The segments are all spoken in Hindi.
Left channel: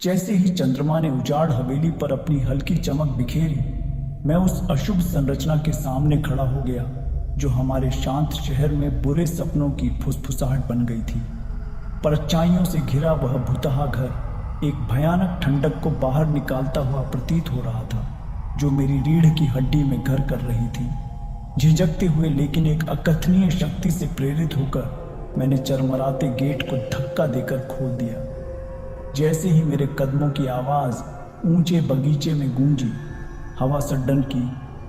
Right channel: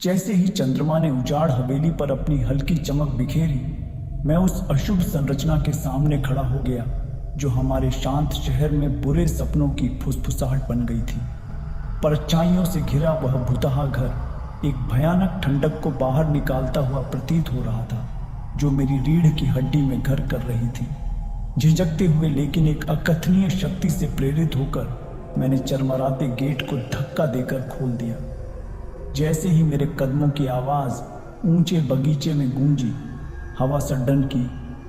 जैसे ही चंद्रमा ने उजाड़ हवेली पर अपनी हल्की चमक बिखेरी, मैं उस अशुभ संरचना के सामने खड़ा हो गया जो हमारे शांत शहर में बुरे सपनों की फुसफुसाहट बन गई थी। परछाइयों से घिरा वह भुतहा घर एक भयानक ठंडक को बाहर निकालता हुआ प्रतीत हो रहा था, जो मेरी रीढ़ की हड्डी में घर कर रही थी। झिझकते हुए लेकिन एक अकथनीय शक्ति से प्रेरित होकर मैंने चरमराते गेट को धक्का देकर खोल दिया। जैसे ही मेरे कदमों की आवाज ऊंचे बगीचे में गूंजी, हवा सड्डन की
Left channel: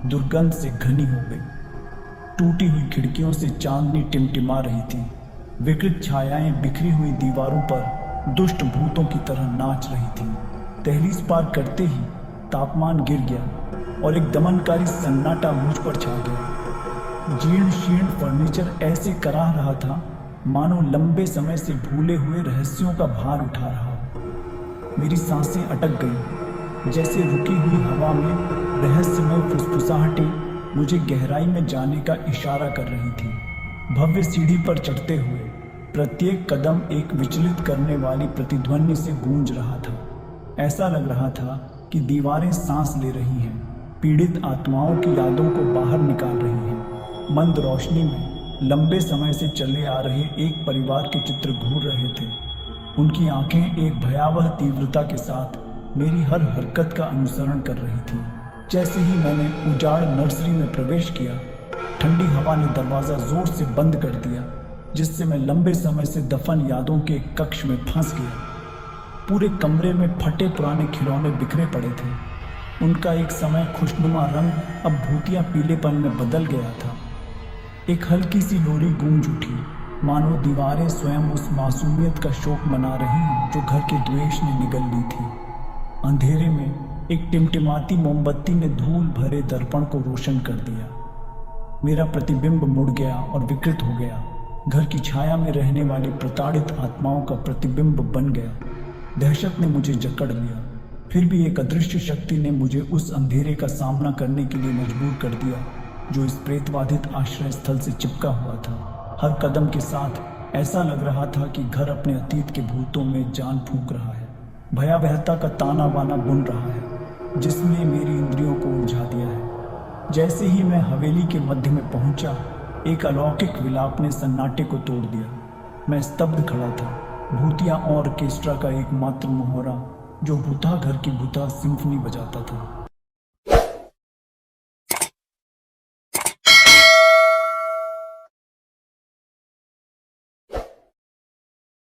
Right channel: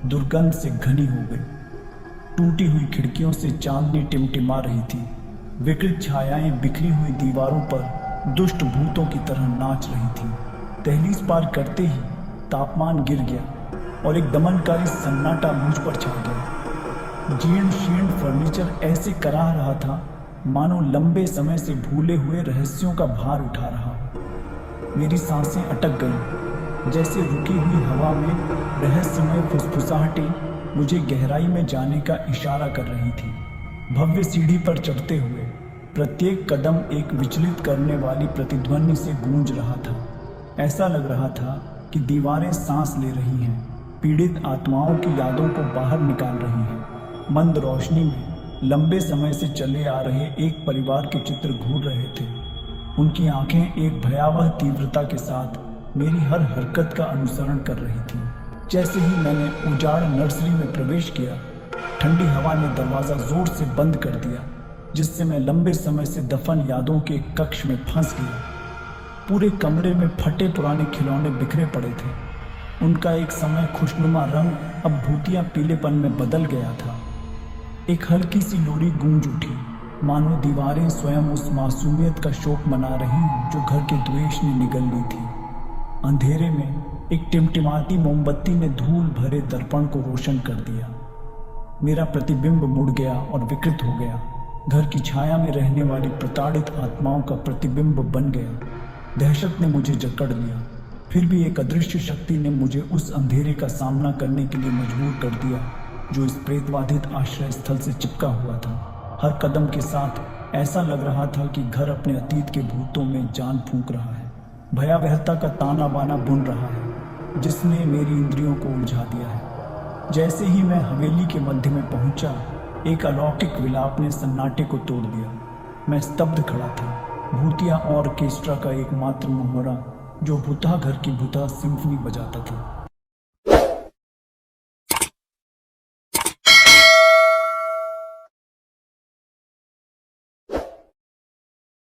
दुर्गंध से घनी हो गई। टूटी हुई खिड़कियों से चांदनी टिमटिमा रही थी। विकृत छायाएं बिखरी हुई दीवारों पर दुष्ट भूतों की तरह नाच रही थी। दहलीज पार करते ही तापमान गिर गया और एक दमनकारी सन्नाटा मुझ पर छा गया। जीर्ण शीर्ण फर्नीचर ऐसे कराह रहा था मानो लंबे समय से भूले हुए रहस्यों का भार उठा रहा। मेरी सांसें अटक गईं, जैसे रुकी हुई हवा में रहस्यमय फुसफुसाहटें मुझे गहराई में जाने का इशारा कर रही थी। भव्य सीढ़ी पर चढ़ते हुए प्रत्येक कदम एक विचलित करने वाली प्रतिध्वनि से गूंज रहा था। ऐसा लग रहा था कि दीवारें सांस ले रही हैं, पीड़ित आत्माओं की यादों को बाहर निकाल रही हैं। मंद रोशनी में लंबे समय से चले आ रहे एक परिवार के चित्र घूर रहे थे। उनकी आंखें एक भयावह तीव्रता के साथ मेरी हर हरकत का अनुसरण कर रही थी। जैसे ही मैंने उजाड़ नर्सरी में प्रवेश किया, ठंडी हवा ने दरवाजा जोर से बंद कर दिया, जिससे मैं लंबे समय से दफन यादों के एक कक्ष में फंस गया। पूरे कमरे में फटे पुराने खिलौने बिखरे पड़े थे। उनका एक समय खुशनुमा रंग अब भूतिया पीलेपन में बदल गया था। एक हल्की सी लोरी गूंज उठी, मानो दीवारें स्वयं उस मासूमियत का शोक मना रही जो घर के द्वेष ने निगल ली थी। अंधेरे में एक टिमटिमाती मोमबत्ती ने धूल भरे दर्पण को रोशन कर दिया। मेरा प्रतिबिंब मुड़ गया और विकृत हो गया। घर की छाया में रहने वाली प्रताड़ित आत्माओं का प्रतिबिंब बन गया। दहशत ने मुझे जकड़ लिया, फिर भी एक अदृश्य शक्ति ने मुझे उस अंधेरे का सामना करने के लिए मजबूर कर दिया जो इस प्रेतबाधित आश्रय स्थल से चिपका हुआ था। हर कदम के साथ ऐसा लग रहा था कि घर अपने अतीत के भूतों में जान फूंक रहा है। भयावहता का ताना बाना बुन रहा है जिसने मेरी इंद्रियों को उलझा दिया है। जैसे ही मैं हवेली के मध्य में पहुंचा, एक अलौकिक विलाप ने सन्नाटे को तोड़ दिया। मैं स्तब्ध खड़ा था। भूतिया ऑर्केस्ट्रा का एकमात्र मोहरा जो भूता घर की भूता सिम्फनी बजाता था